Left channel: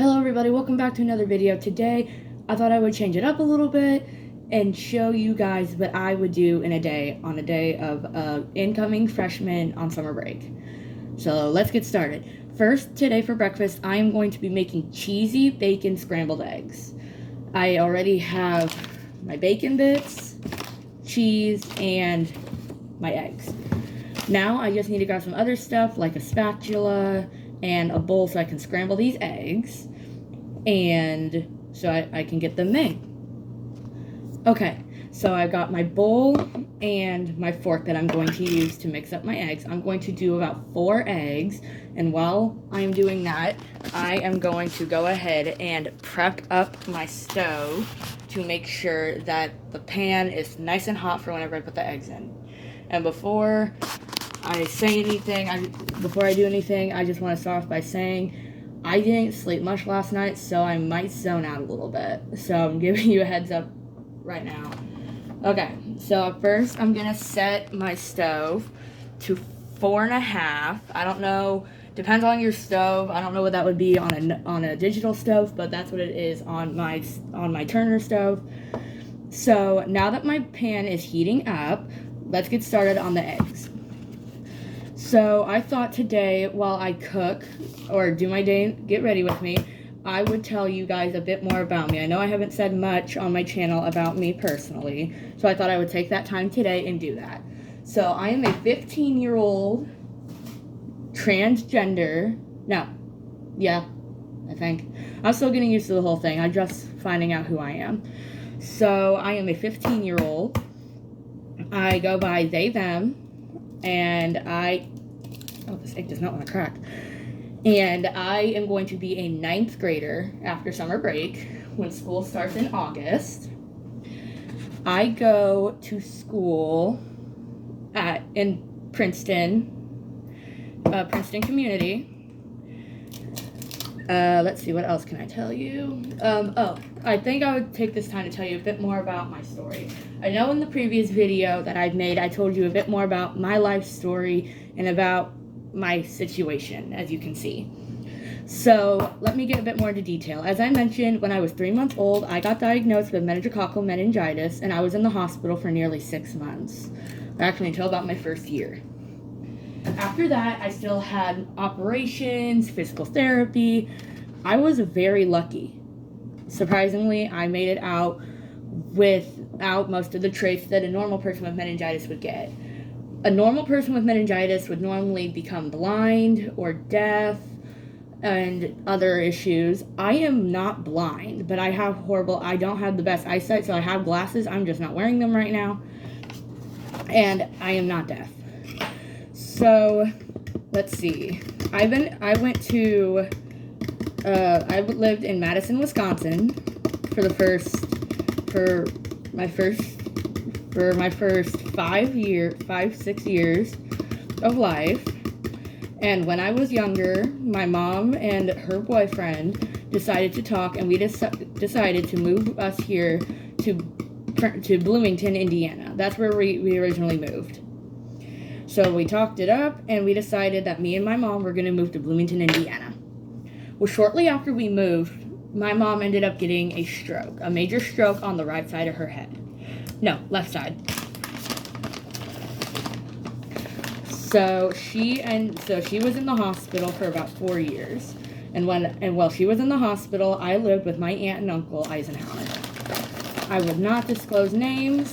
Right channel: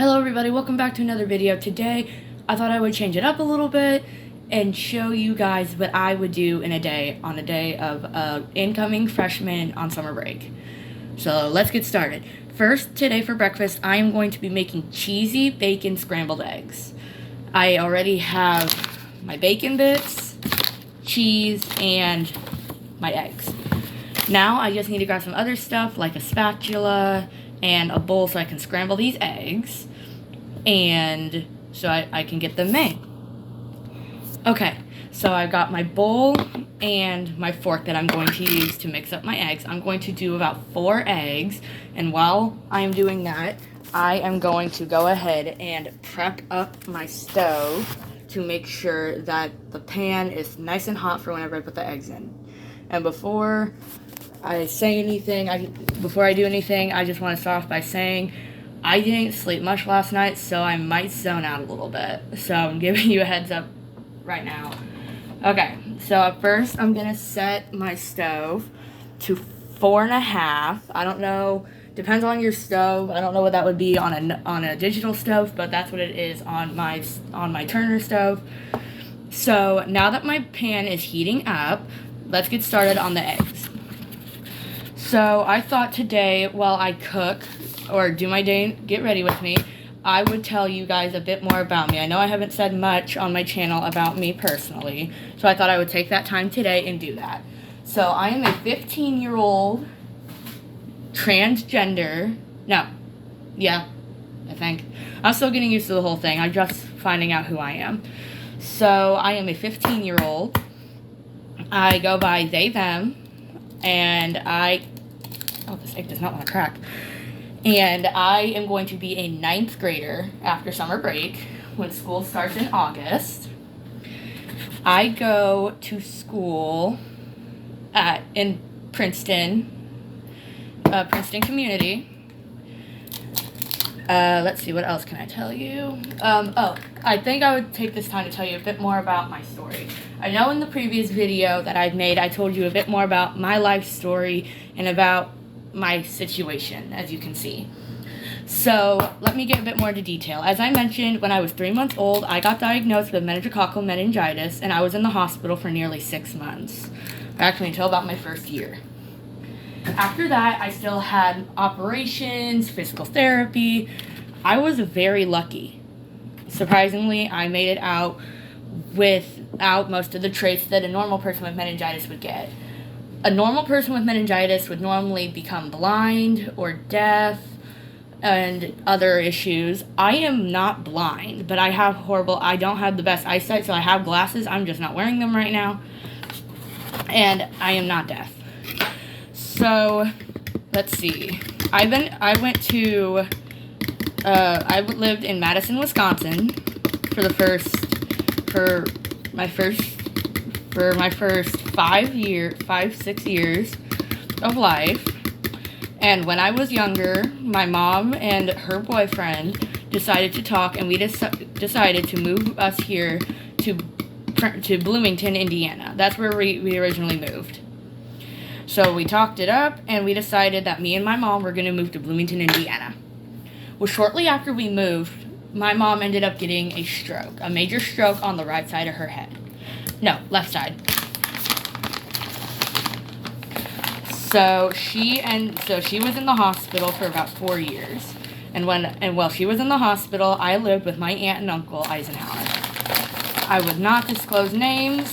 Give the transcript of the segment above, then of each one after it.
Hello everybody, welcome back to another video. Today, I thought I would change it up a little bit and show you guys what I would do in a day on a day of incoming freshman on summer break. So let's get started. First, today for breakfast, I am going to be making cheesy bacon scrambled eggs. I already have my bacon bits, cheese, and my eggs. Now I just need to grab some other stuff like a spatula and a bowl so I can scramble these eggs and so I can get them made. Okay, so I've got my bowl and my fork that I'm going to use to mix up my eggs. I'm going to do about 4 eggs, and while I'm doing that, I am going to go ahead and prep up my stove to make sure that the pan is nice and hot for whenever I put the eggs in. And before I say anything, before I do anything, I just want to start off by saying I didn't sleep much last night, so I might zone out a little bit. So I'm giving you a heads up right now. Okay, so at first I'm going to set my stove to 4.5. I don't know, depends on your stove. I don't know what that would be on a digital stove, but that's what it is on my Turner stove. So now that my pan is heating up, let's get started on the eggs. So I thought today, while I cook or do my day, get ready with me, I would tell you guys a bit more about me. I know I haven't said much on my channel about me personally, so I thought I would take that time today and do that. So I am a 15-year-old transgender. No, yeah, I think. I'm still getting used to the whole thing. I'm just finding out who I am. So I am a 15-year-old. I go by they, them, and oh, this egg does not want to crack. And I am going to be a 9th grader after summer break when school starts in August. I go to school in Princeton, Princeton Community. Let's see, what else can I tell you? I think I would take this time to tell you a bit more about my story. I know in the previous video that I've made, I told you a bit more about my life story and about my situation, as you can see. So let me get a bit more into detail. As I mentioned, when I was 3 months old, I got diagnosed with meningococcal meningitis, and I was in the hospital for nearly 6 months, actually until about my first year. After that, I still had operations, physical therapy. I was very lucky. Surprisingly, I made it out without most of the traits that a normal person with meningitis would get. A normal person with meningitis would normally become blind or deaf and other issues. I am not blind, but I don't have the best eyesight, so I have glasses. I'm just not wearing them right now. And I am not deaf. So, let's see. I lived in Madison, Wisconsin for my first 6 years of life. And when I was younger, my mom and her boyfriend decided to talk, and we decided to move us here to Bloomington, Indiana. That's where we originally moved. So we talked it up, and we decided that me and my mom were going to move to Bloomington, Indiana. Well, shortly after we moved, my mom ended up getting a stroke, a major stroke on the right side of her head. No, left side. So she was in the hospital for about 4 years. And while she was in the hospital, I lived with my aunt and uncle Eisenhower. I would not disclose names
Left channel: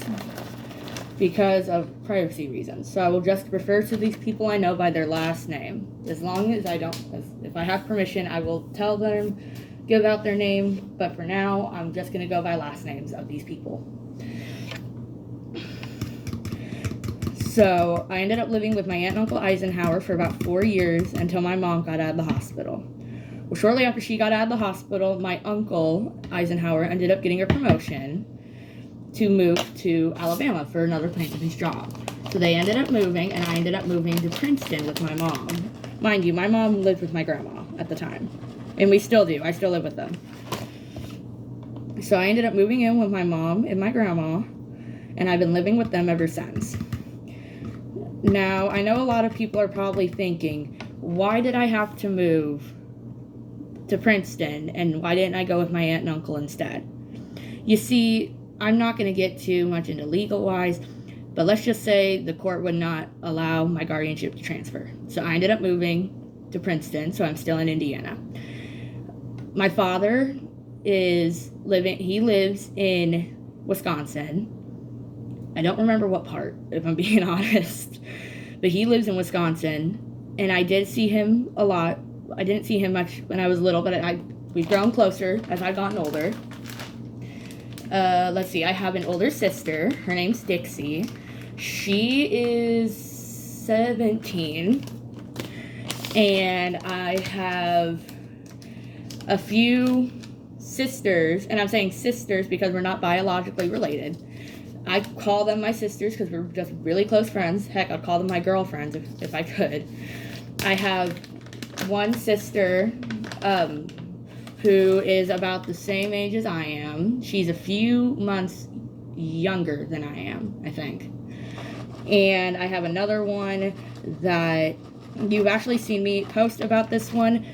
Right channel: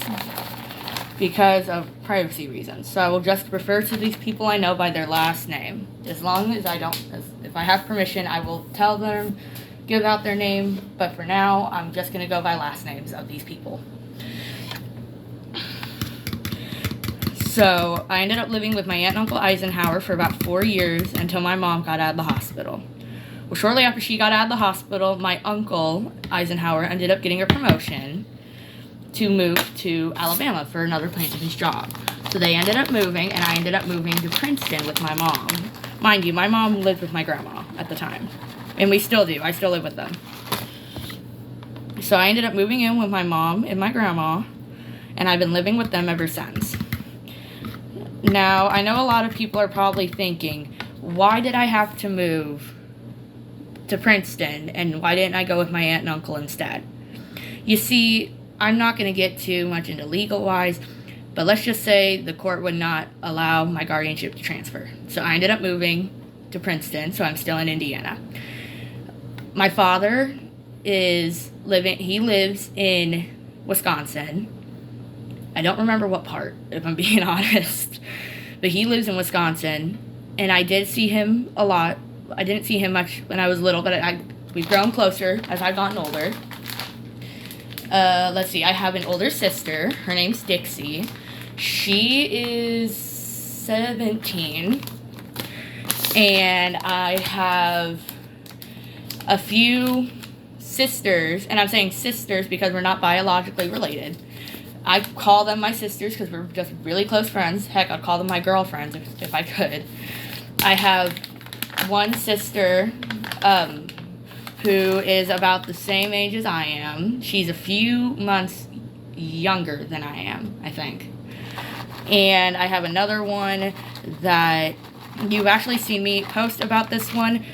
because of privacy reasons. So I will just refer to these people I know by their last name. As long as if I have permission, I will tell them, give out their name. But for now, I'm just going to go by last names of these people. So I ended up living with my aunt and uncle Eisenhower for about 4 years until my mom got out of the hospital. Well, shortly after she got out of the hospital, my uncle Eisenhower ended up getting a promotion to move to Alabama for another plant of his job. So they ended up moving, and I ended up moving to Princeton with my mom. Mind you, my mom lived with my grandma at the time, and we still do. I still live with them. So I ended up moving in with my mom and my grandma, and I've been living with them ever since. Now, I know a lot of people are probably thinking, why did I have to move to Princeton, and why didn't I go with my aunt and uncle instead? You see, I'm not going to get too much into legal-wise, but let's just say the court would not allow my guardianship to transfer. So I ended up moving to Princeton, so I'm still in Indiana. My father he lives in Wisconsin. I don't remember what part, if I'm being honest, but he lives in Wisconsin, and I did see him a lot. I didn't see him much when I was little, but we've grown closer as I've gotten older. Let's see, I have an older sister. Her name's Dixie. She is 17, and I have a few sisters, and I'm saying sisters because we're not biologically related. I call them my sisters because we're just really close friends. Heck, I'd call them my girlfriends if I could. I have one sister who is about the same age as I am. She's a few months younger than I am, I think. And I have another one that you've actually seen me post about this one.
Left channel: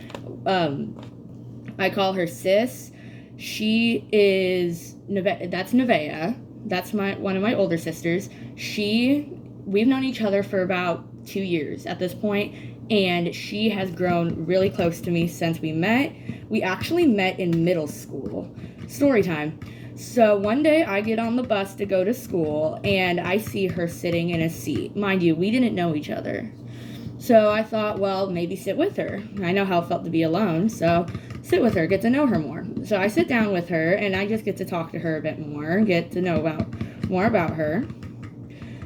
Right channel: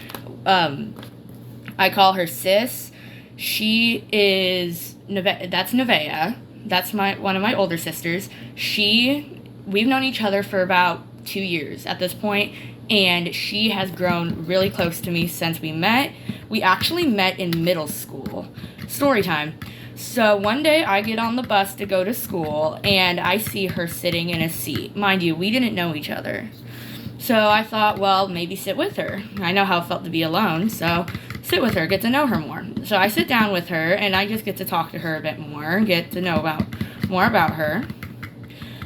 I call her Sis. She is that's Nevaeh. That's one of my older sisters. We've known each other for about 2 years at this point, and she has grown really close to me since we met. We actually met in middle school. Story time. So one day I get on the bus to go to school, and I see her sitting in a seat. Mind you, we didn't know each other. So I thought, well, maybe sit with her. I know how it felt to be alone, so sit with her, get to know her more. So I sit down with her, and I just get to talk to her a bit more, get to know more about her.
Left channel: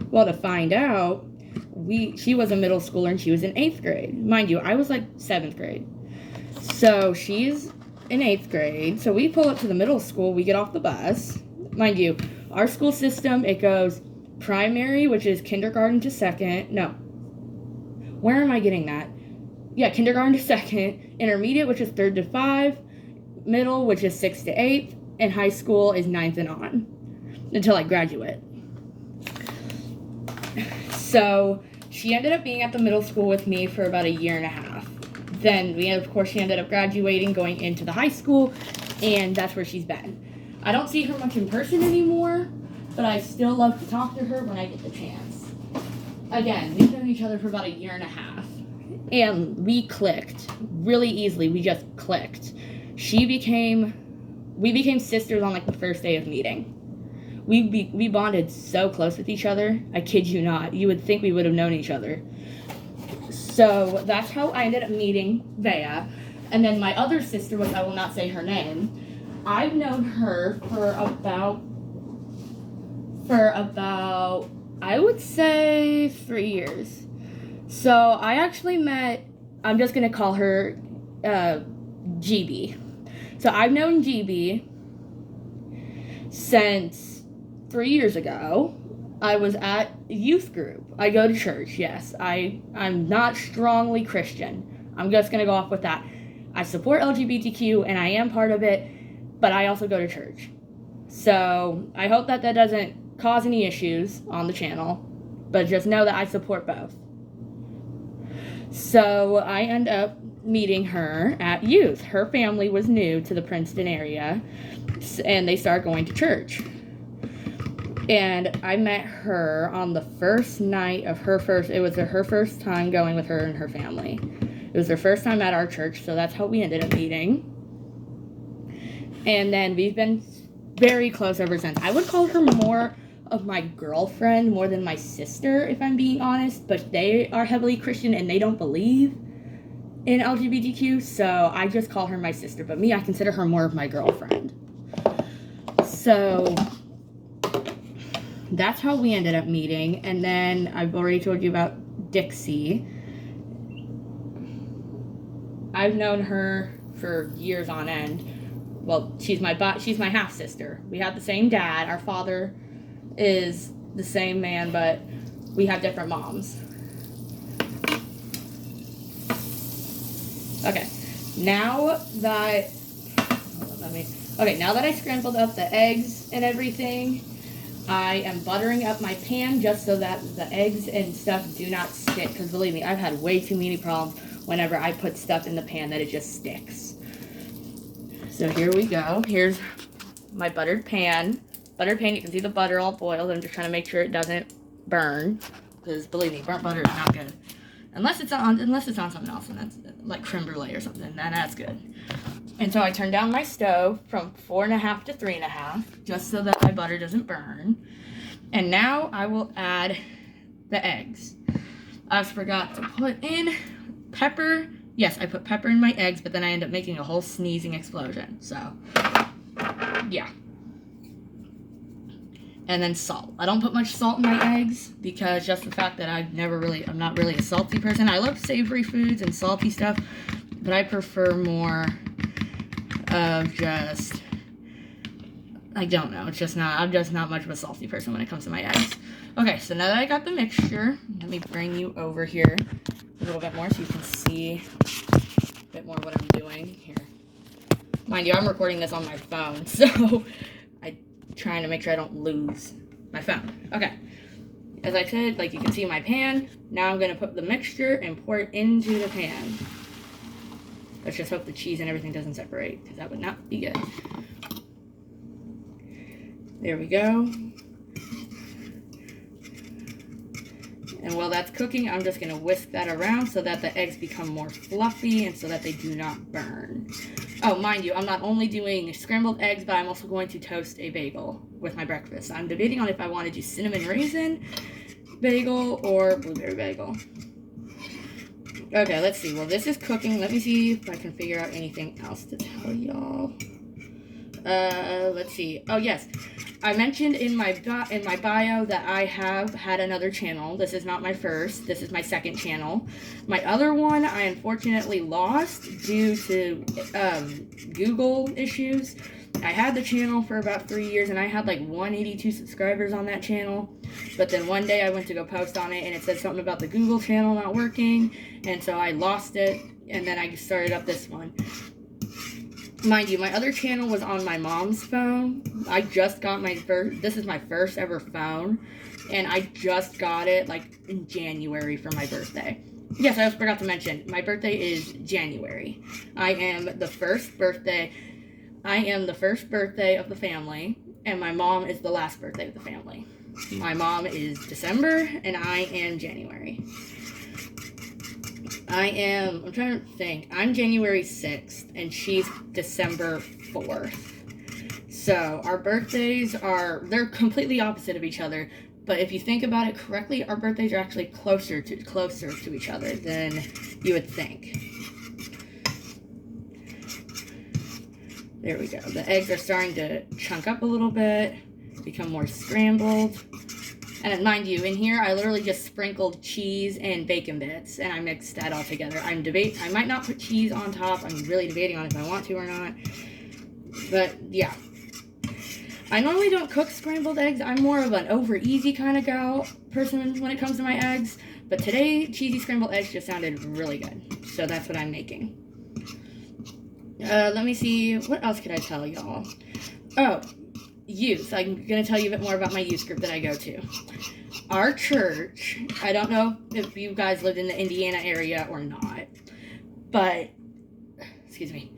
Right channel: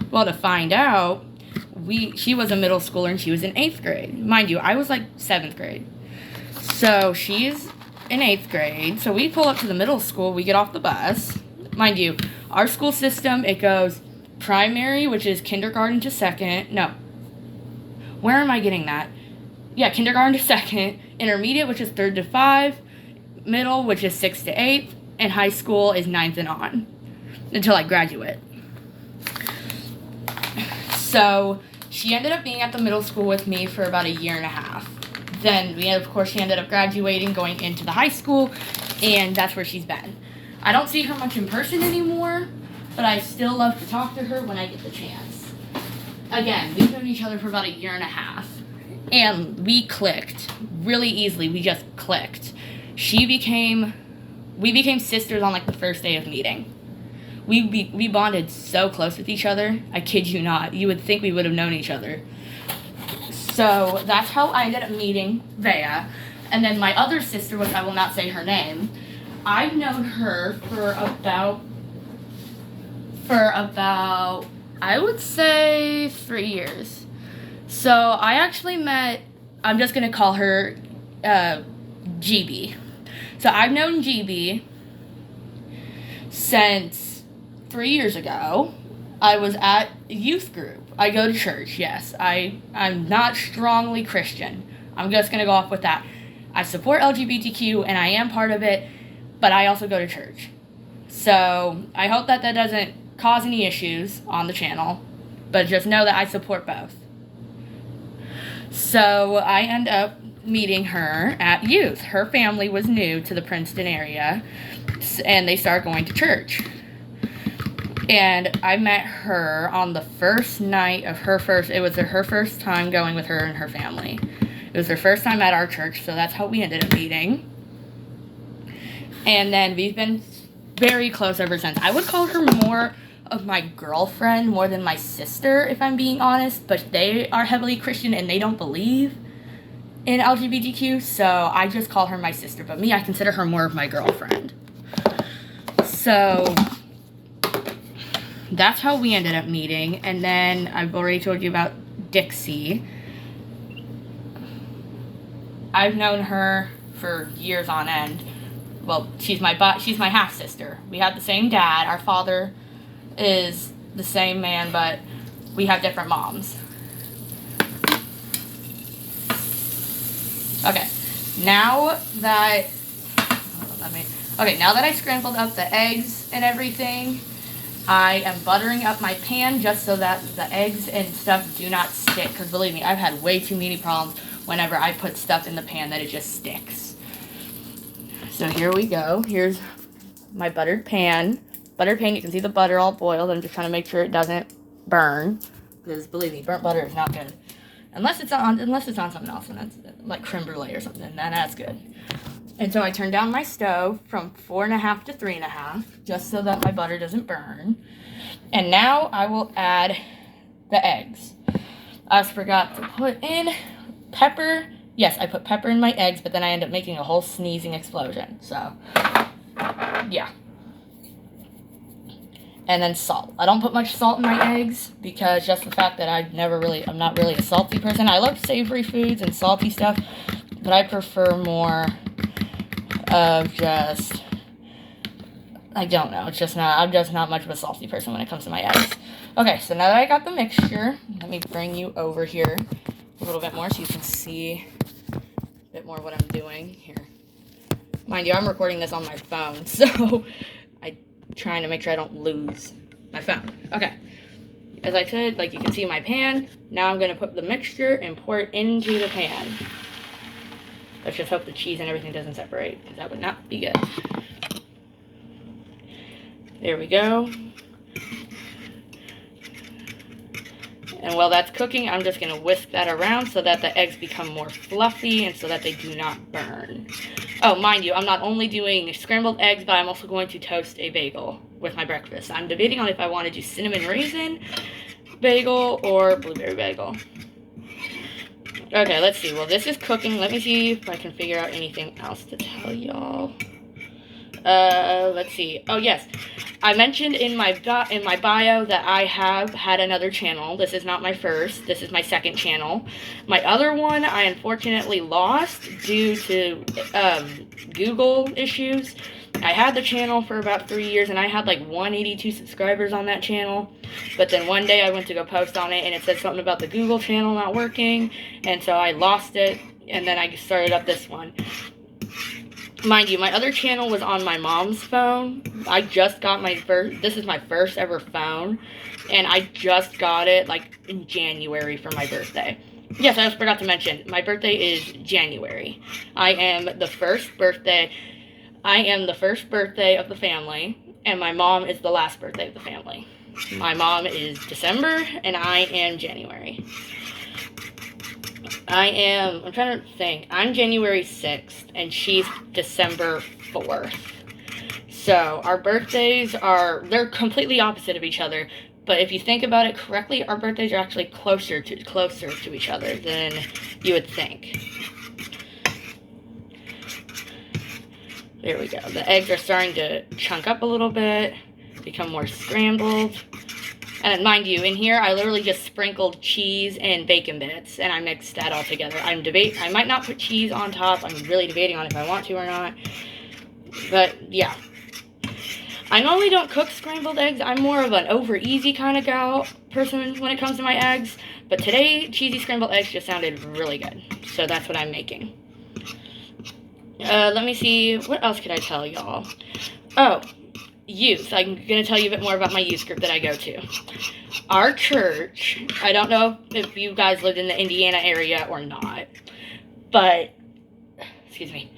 Well, to find out, she was a middle schooler, and she was in 8th grade. Mind you, I was like 7th grade. So she's in 8th grade. So we pull up to the middle school. We get off the bus. Mind you, our school system, it goes primary, which is kindergarten to 2nd. No. Where am I getting that? Yeah, kindergarten to 2nd. Intermediate, which is 3rd to 5. Middle, which is 6th to 8th. And high school is 9th and on. Until I graduate. So she ended up being at the middle school with me for about 1.5 years. Then, she ended up graduating, going into the high school, and that's where she's been. I don't see her much in person anymore, but I still love to talk to her when I get the chance. Again, we've known each other for about 1.5 years, and we clicked really easily. We just clicked. We became sisters on like the first day of meeting. We bonded so close with each other. I kid you not. You would think we would have known each other. So that's how I ended up meeting Vea. And then my other sister, which I will not say her name, I've known her for about I would say 3 years. So I actually met, I'm just going to call her GB. So I've known GB since 3 years ago. I was at youth group. I go to church, yes. I'm not strongly Christian. I'm just going to go off with that. I support LGBTQ, and I am part of it, but I also go to church. So I hope that doesn't cause any issues on the channel, but just know that I support both. So I end up meeting her at youth. Her family was new to the Princeton area, and they started going to church. And I met her on the first night of it was her first time going with her and her family. It was her first time at our church, so that's how we ended up meeting. And then we've been very close ever since. I would call her more of my girlfriend more than my sister, if I'm being honest, but they are heavily Christian and they don't believe in LGBTQ, so I just call her my sister. But me, I consider her more of my girlfriend. So that's how we ended up meeting. And then I've already told you about Dixie. I've known her for years on end. Well, she's my half sister. We have the same dad. Our father is the same man, but we have different moms. Okay, now that I scrambled up the eggs and everything, I am buttering up my pan just so that the eggs and stuff do not stick. Because believe me, I've had way too many problems whenever I put stuff in the pan that it just sticks. So here we go. Here's my buttered pan. Buttered pan, you can see the butter all boiled. I'm just trying to make sure it doesn't burn. Because believe me, burnt butter is not good. Unless it's on something else, and that's like creme brulee or something, then that's good. And so I turned down my stove from 4.5 to 3.5, just so that my butter doesn't burn. And now I will add the eggs. I forgot to put in pepper. Yes, I put pepper in my eggs, but then I end up making a whole sneezing explosion. So, yeah. And then salt. I don't put much salt in my eggs because just the fact that I'm not really a salty person. I love savory foods and salty stuff, but I prefer more of just, I don't know. I'm just not much of a salty person when it comes to my eggs. Okay, so now that I got the mixture, let me bring you over here a little bit more so you can see a bit more what I'm doing here. Mind you, I'm recording this on my phone, so I'm trying to make sure I don't lose my phone. Okay, as I said, like you can see my pan. Now I'm going to put the mixture and pour it into the pan. Let's just hope the cheese and everything doesn't separate, because that would not be good. There we go. And while that's cooking, I'm just going to whisk that around so that the eggs become more fluffy and so that they do not burn. Oh, mind you, I'm not only doing scrambled eggs, but I'm also going to toast a bagel with my breakfast. I'm debating on if I want to do cinnamon raisin bagel or blueberry bagel. Okay, let's see. Well, this is cooking. Let me see if I can figure out anything else to tell y'all. Let's see. Oh, yes. I mentioned in my bio that I have had another channel. This is not my first. This is my second channel. My other one I unfortunately lost due to Google issues. I had the channel for about 3 years, and I had like 182 subscribers on that channel. But then one day I went to go post on it, and it said something about the Google channel not working, and so I lost it, and then I started up this one. Mind you, my other channel was on my mom's phone. I just got this is my first ever phone, and I just got it like in January for my birthday. Yes, I just forgot to mention, my birthday is January. I am the first birthday of the family, and my mom is the last birthday of the family. My mom is December, and I am January. I'm trying to think. I'm January 6th, and she's December 4th. So, our birthdays they're completely opposite of each other. But if you think about it correctly, our birthdays are actually closer to each other than you would think. There we go. The eggs are starting to chunk up a little bit, become more scrambled. And mind you, in here, I literally just sprinkled cheese and bacon bits, and I mixed that all together. I might not put cheese on top. I'm really debating on if I want to or not. But, yeah. I normally don't cook scrambled eggs. I'm more of an over-easy kind of person when it comes to my eggs. But today, cheesy scrambled eggs just sounded really good. So that's what I'm making. Let me see. What else could I tell y'all? Oh. Youth. I'm going to tell you a bit more about my youth group that I go to. Our church, I don't know if you guys lived in the Indiana area or not, but, excuse me,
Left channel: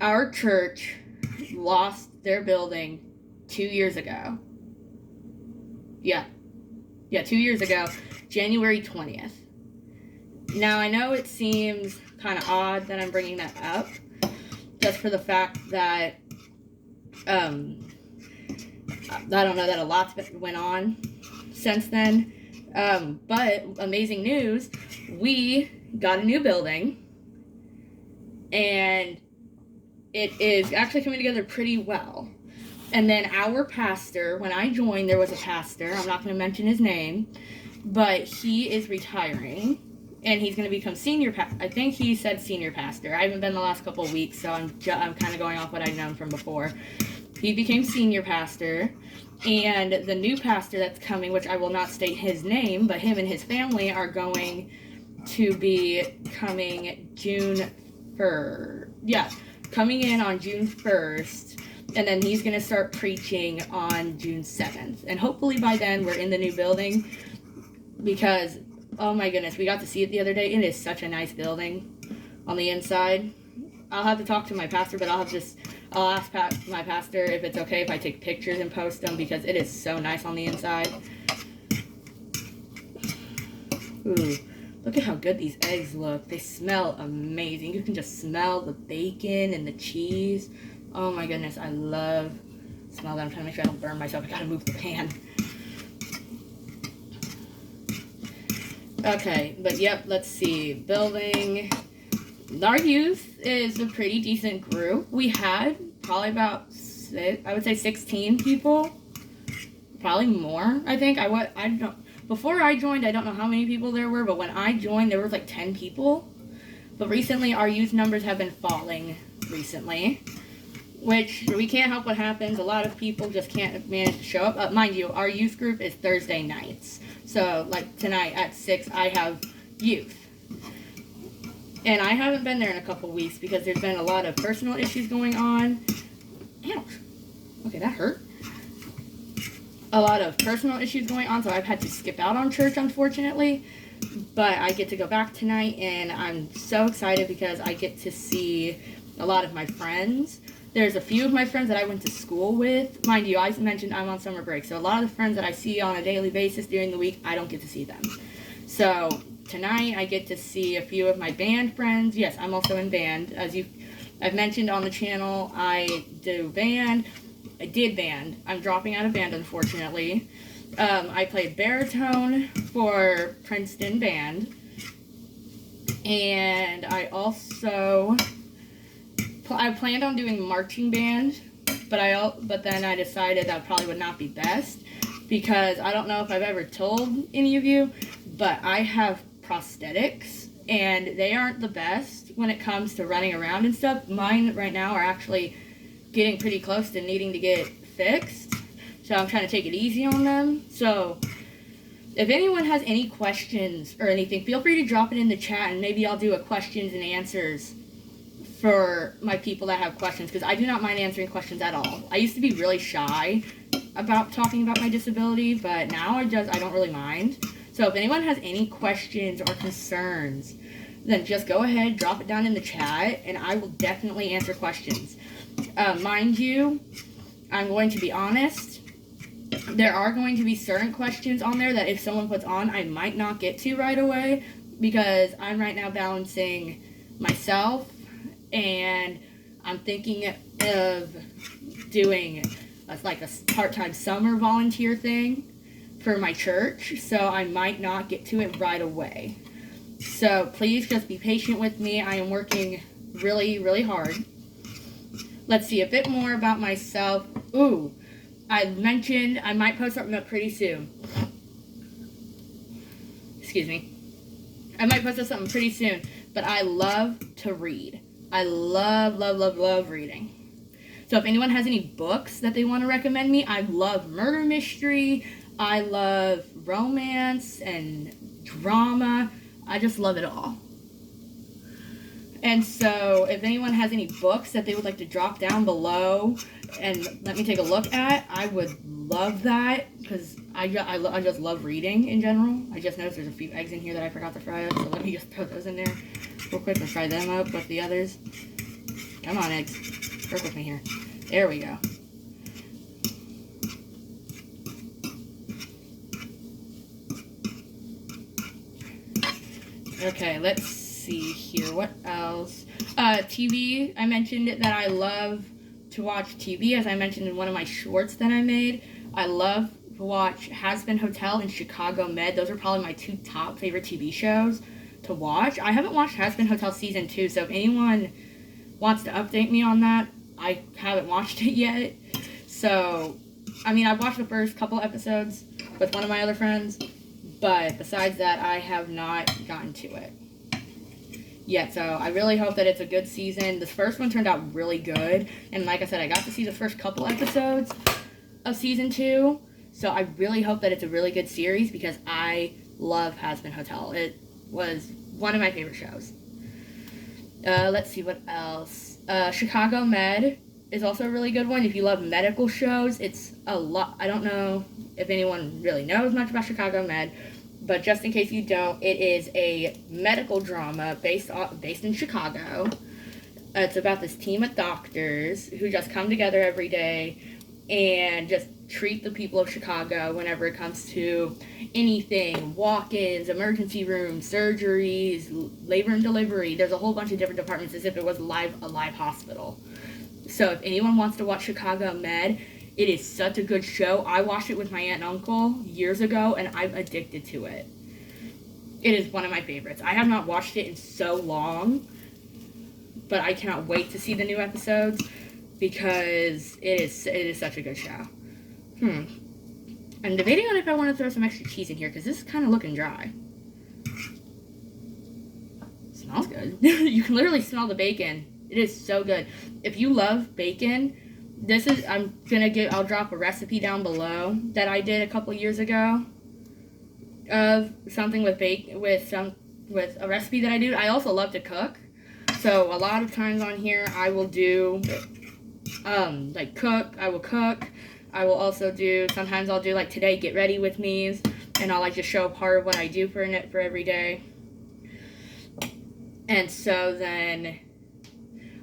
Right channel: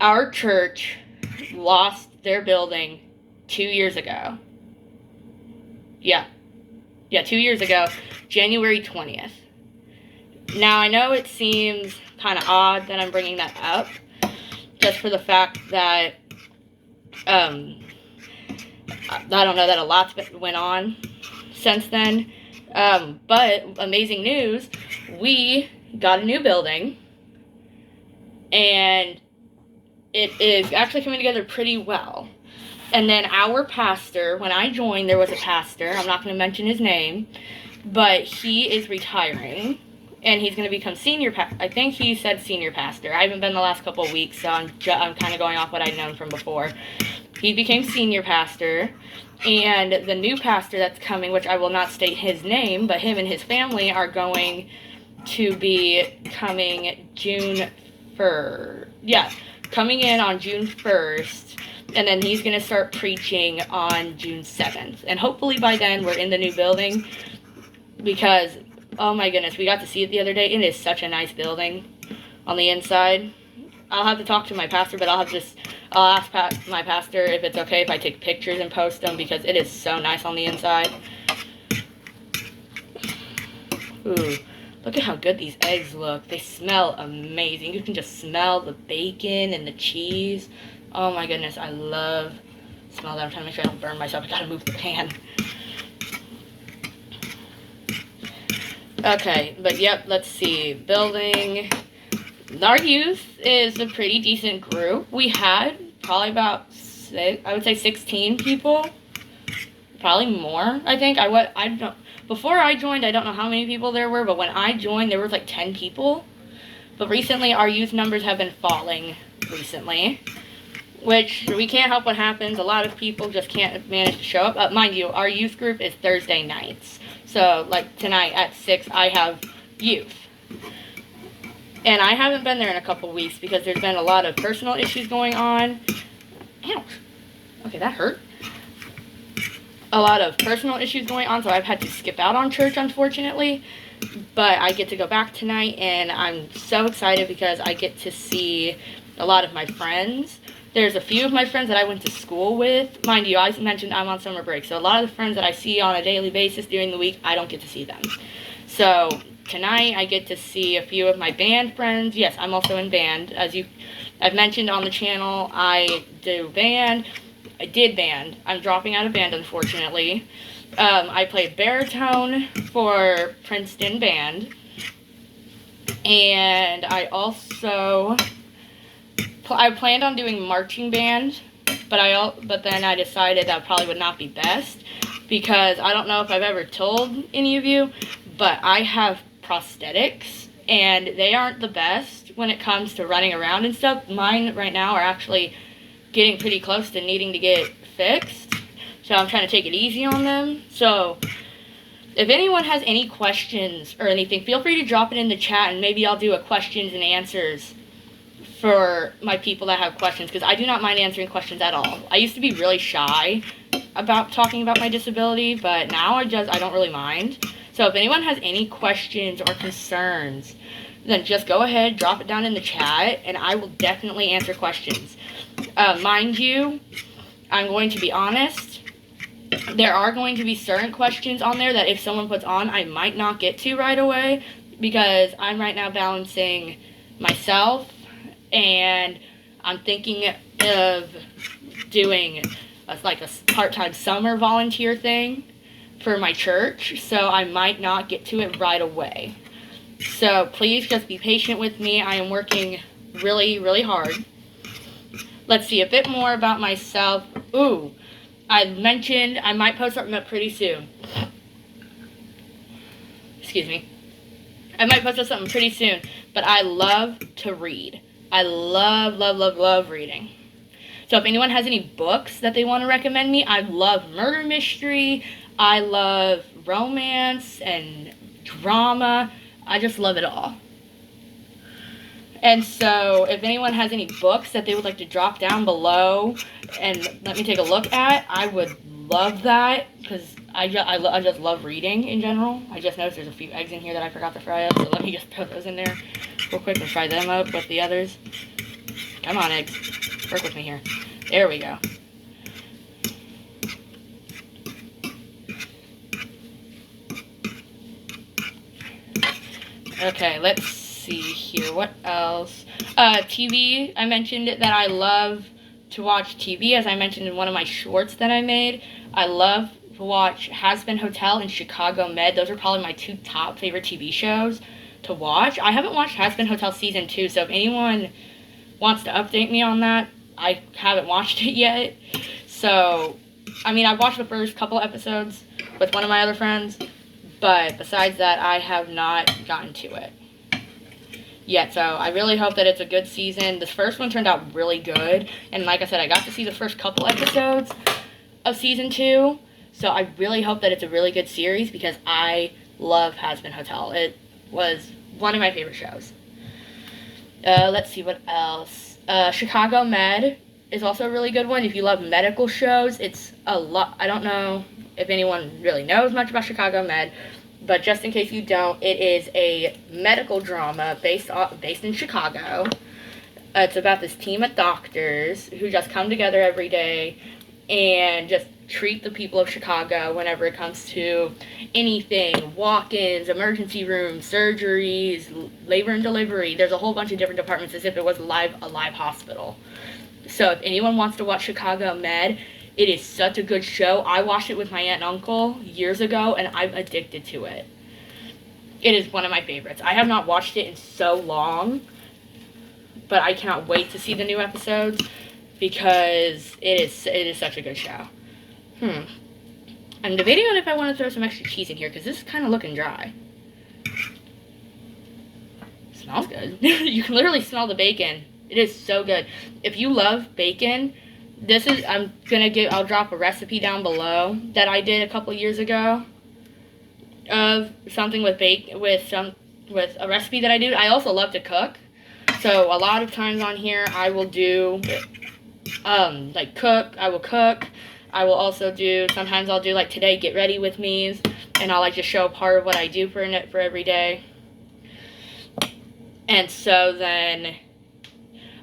our church lost their building 2 years ago. Yeah, 2 years ago, January 20th. Now, I know it seems kind of odd that I'm bringing that up, just for the fact that, I don't know that a lot's went on since then, but amazing news, we got a new building, and it is actually coming together pretty well. And then our pastor, when I joined, there was a pastor, I'm not going to mention his name, but he is retiring, and he's going to become I think he said senior pastor. I haven't been the last couple of weeks, so I'm kind of going off what I've known from before. He became senior pastor, and the new pastor that's coming, which I will not state his name, but him and his family are going to be coming June 1st. Yeah, coming in on June 1st, and then he's going to start preaching on June 7th. And hopefully by then we're in the new building, because, oh my goodness, we got to see it the other day. It is such a nice building on the inside. I'll have to talk to my pastor, but I'll ask my pastor if it's okay if I take pictures and post them, because it is so nice on the inside. Ooh, look at how good these eggs look. They smell amazing. You can just smell the bacon and the cheese. Oh my goodness, I love the smell that. I'm trying to make sure I don't burn myself. I gotta move the pan. Okay, but yep, let's see. Building. Our youth is a pretty decent group. We had probably about I would say 16 people. Probably more, I think. I don't. Before I joined, I don't know how many people there were, but when I joined, there was like 10 people. But recently, our youth numbers have been falling recently, which we can't help what happens. A lot of people just can't manage to show up. Mind you, our youth group is Thursday nights. So, like tonight at 6, I have youth. And I haven't been there in a couple weeks because there's been a lot of personal issues going on. Ouch. Okay, that hurt. A lot of personal issues going on, so I've had to skip out on church, unfortunately. But I get to go back tonight, and I'm so excited because I get to see a lot of my friends. There's a few of my friends that I went to school with. Mind you, I mentioned I'm on summer break, so a lot of the friends that I see on a daily basis during the week, I don't get to see them. So tonight, I get to see a few of my band friends. Yes, I'm also in band. As I've mentioned on the channel, I do band. I did band. I'm dropping out of band, unfortunately. I played baritone for Princeton band. And I also... I planned on doing marching band, but then I decided that probably would not be best, because I don't know if I've ever told any of you, but I have prosthetics, and they aren't the best when it comes to running around and stuff. Mine right now are actually getting pretty close to needing to get fixed, so I'm trying to take it easy on them. So if anyone has any questions or anything, feel free to drop it in the chat, and maybe I'll do a questions and answers for my people that have questions, because I do not mind answering questions at all. I used to be really shy about talking about my disability, but now I don't really mind. So if anyone has any questions or concerns, then just go ahead, drop it down in the chat, and I will definitely answer questions. Mind you, I'm going to be honest, there are going to be certain questions on there that if someone puts on, I might not get to right away, because I'm right now balancing myself, and I'm thinking of doing a part-time summer volunteer thing for my church, so I might not get to it right away. So please just be patient with me. I am working really, really hard. Let's see a bit more about myself. Ooh, I mentioned I might post something up pretty soon. Excuse me. I might post up something pretty soon, but I love to read. I love, love, love, love reading. So if anyone has any books that they want to recommend me, I love murder mystery. I love romance and drama. I just love it all. And so if anyone has any books that they would like to drop down below and let me take a look at, I would love that, because I just love reading in general. I just noticed there's a few eggs in here that I forgot to fry up, so let me just put those in there real quick and fry them up with the others. Come on, eggs. Work with me here. There we go. Okay, let's see here. What else? TV. I mentioned that I love to watch TV, as I mentioned in one of my shorts that I made. I love to watch Hazbin Hotel and Chicago Med. Those are probably my two top favorite TV shows to watch. I haven't watched Hazbin Hotel Season 2, so if anyone wants to update me on that, I haven't watched it yet. So, I mean, I've watched the first couple episodes with one of my other friends, but besides that, I have not gotten to it yet. So I really hope that it's a good season. This first one turned out really good, and like I said, I got to see the first couple episodes of Season 2, so I really hope that it's a really good series, because I love Hazbin Hotel. It was one of my favorite shows. Let's see what else. Chicago Med is also a really good one. If you love medical shows, it's a lot. I don't know if anyone really knows much about Chicago Med, but just in case you don't, it is a medical drama based in Chicago. It's about this team of doctors who just come together every day and just treat the people of Chicago whenever it comes to anything, walk-ins, emergency rooms, surgeries, labor and delivery. There's a whole bunch of different departments as if it was a live hospital. So if anyone wants to watch Chicago Med, it is such a good show. I watched it with my aunt and uncle years ago, and I'm addicted to it. It is one of my favorites. I have not watched it in so long, but I cannot wait to see the new episodes because it is such a good show. I'm debating on if I want to throw some extra cheese in here because this is kind of looking dry. It smells good. You can literally smell the bacon. It is so good. If you love bacon, I'll drop a recipe down below that I did a couple years ago of something with a recipe that I do. I also love to cook. So a lot of times on here I will do cook. I will cook. I will also sometimes I'll do like today get ready with me's, and I'll like just show part of what I do for every day. And so then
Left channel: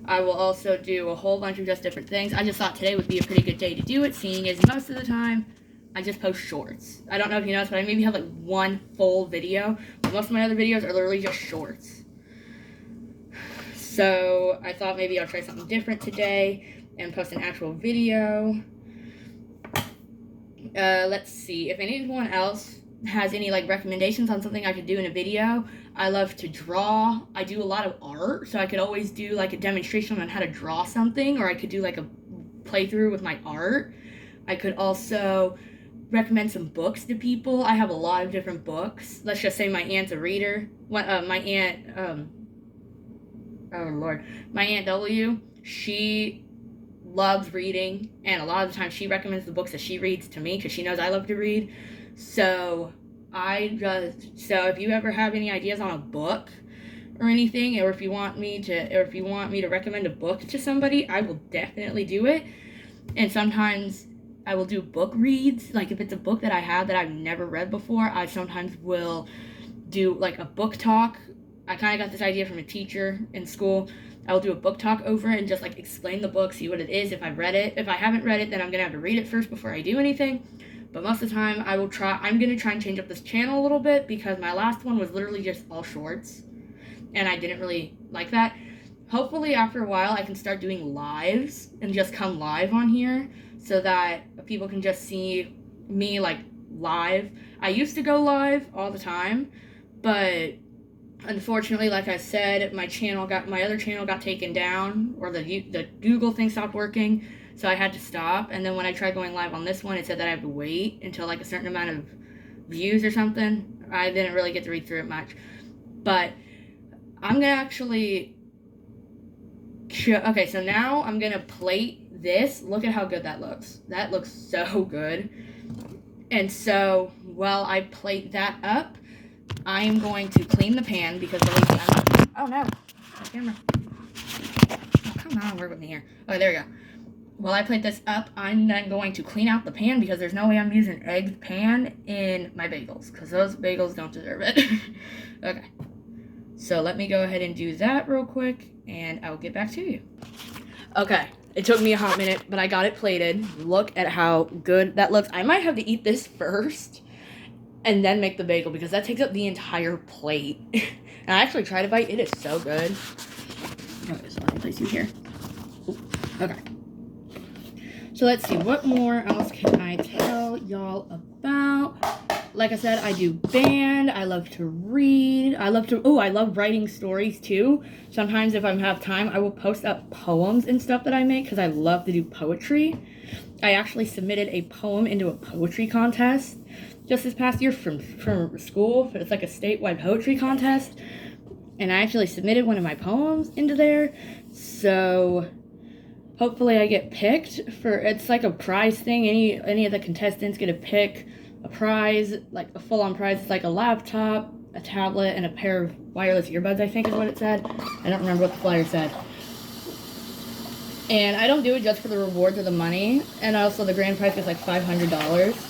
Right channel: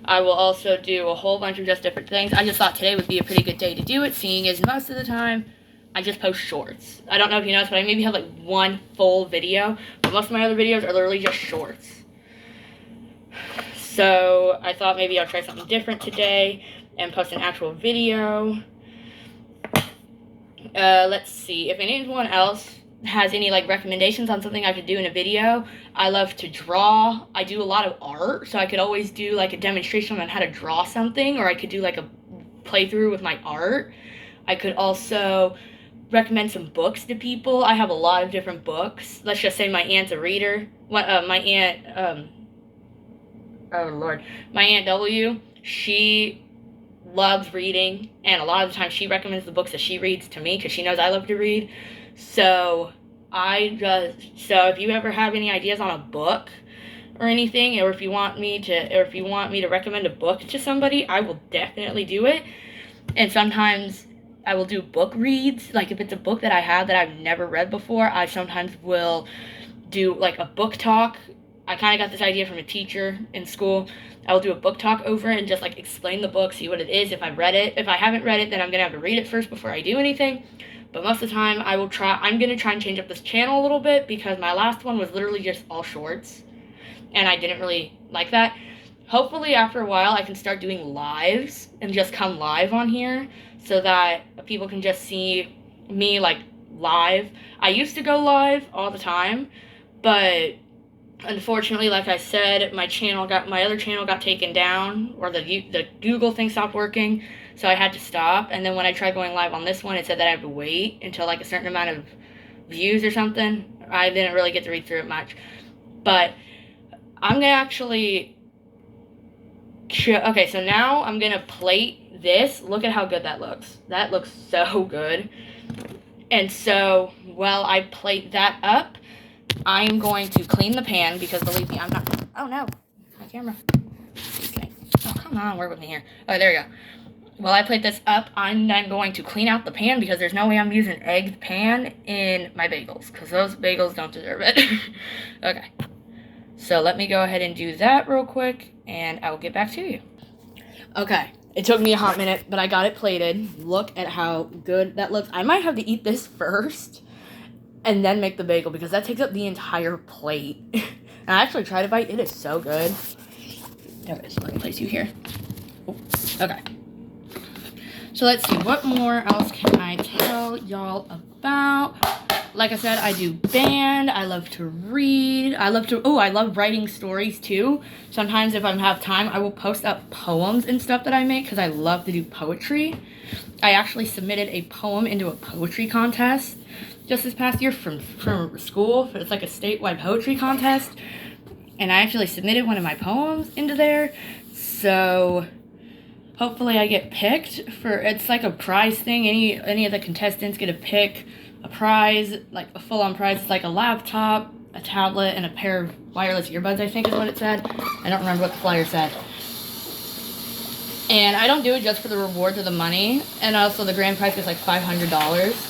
I will also do a whole bunch of just different things. I just thought today would be a pretty good day to do it, seeing as most of the time I just post shorts. I don't know if you noticed, but I maybe have like one full video, but most of my other videos are literally just shorts. So I thought maybe I'll try something different today and post an actual video. Let's see, if anyone else has any like recommendations on something I could do in a video. I love to draw. I do a lot of art, so I could always do like a demonstration on how to draw something, or I could do like a playthrough with my art. I could also recommend some books to people. I have a lot of different books. Let's just say my aunt's a reader. My Aunt W, she loves reading, and a lot of the time she recommends the books that she reads to me because she knows I love to read. So if you ever have any ideas on a book or anything, or if you want me to recommend a book to somebody, I will definitely do it. And sometimes I will do book reads. Like if it's a book that I have that I've never read before, I sometimes will do like a book talk. I kind of got this idea from a teacher in school. I will do a book talk over it and just like explain the book, see what it is, if I've read it. If I haven't read it, then I'm going to have to read it first before I do anything. But most of the time, I'm going to try and change up this channel a little bit because my last one was literally just all shorts. And I didn't really like that. Hopefully, after a while, I can start doing lives and just come live on here so that people can just see me like live. I used to go live all the time, but unfortunately, like I said, my other channel got taken down, or the Google thing stopped working, so I had to stop. And then when I tried going live on this one, it said that I have to wait until like a certain amount of views or something. I didn't really get to read through it much, but I'm gonna actually okay, so now I'm gonna plate this. Look at how good that looks. That looks so good. And so while I plate that up, I'm going to clean the pan because believe me, I'm not. Oh no, my camera. Oh, come on, work with me here. Oh, there we go. While I plate this up, I'm then going to clean out the pan because there's no way I'm using egged pan in my bagels because those bagels don't deserve it. Okay, so let me go ahead and do that real quick, and I will get back to you. Okay, it took me a hot minute, but I got it plated. Look at how good that looks. I might have to eat this first and then make the bagel because that takes up the entire plate. And I actually tried a bite. It is so good. Okay, so let me place you here. Ooh, okay. So let's see. What more else can I tell y'all about? Like I said, I do band. I love to read. I love writing stories too. Sometimes if I have time, I will post up poems and stuff that I make because I love to do poetry. I actually submitted a poem into a poetry contest just this past year from school. It's like a statewide poetry contest, and I actually submitted one of my poems into there, so hopefully I get picked for. It's like a prize thing. Any of the contestants get to pick a prize, like a full-on prize. It's like a laptop, a tablet, and a pair of wireless earbuds, I think is what it said. I don't remember what the flyer said. And I don't do it just for the rewards or the money, and also the grand prize is like $500.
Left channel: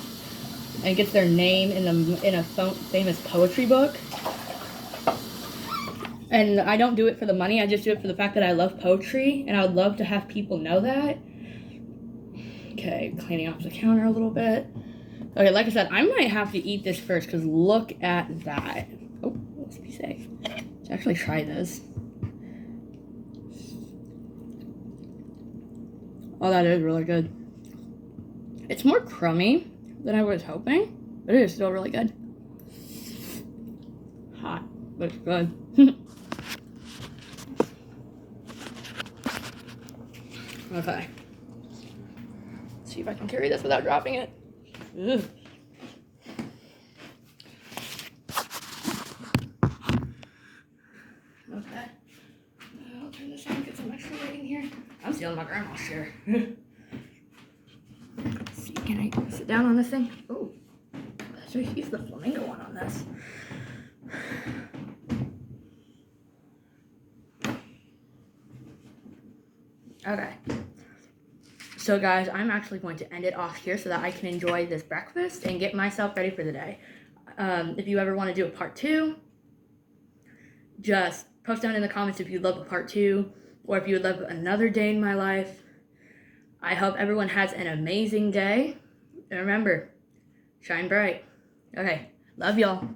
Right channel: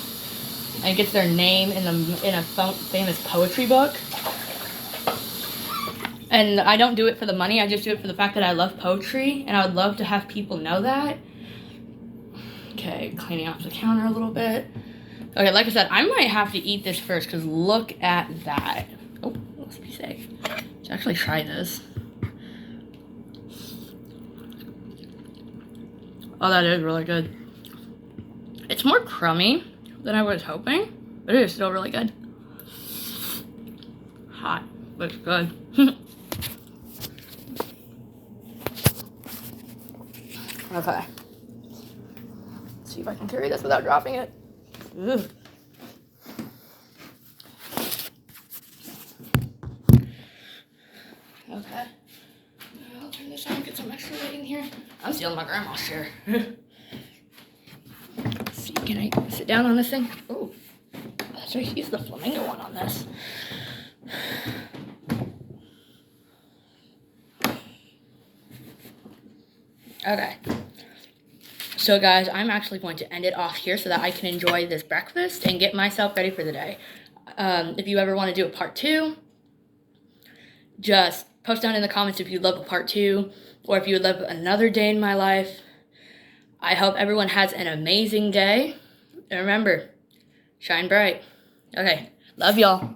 And it gets their name in a famous poetry book. And I don't do it for the money. I just do it for the fact that I love poetry, and I would love to have people know that. Okay, cleaning off the counter a little bit. Okay, like I said, I might have to eat this first, because look at that. Oh, let's be safe. Let's actually try this. Oh, that is really good. It's more crummy than I was hoping, but it is still really good. Hot, but it's good. Okay. Let's see if I can carry this without dropping it. Ugh. Okay. I'll turn this on, get some extra weight in here. I'm stealing my grandma's chair. Let's see, can I sit down on this thing? Oh, let's just use the flamingo one on this. Okay. So guys, I'm actually going to end it off here so that I can enjoy this breakfast and get myself ready for the day. If you ever want to do a part 2, just post down in the comments if you'd love a part 2 or if you would love another day in my life. I hope everyone has an amazing day. And remember, shine bright. Okay, love y'all.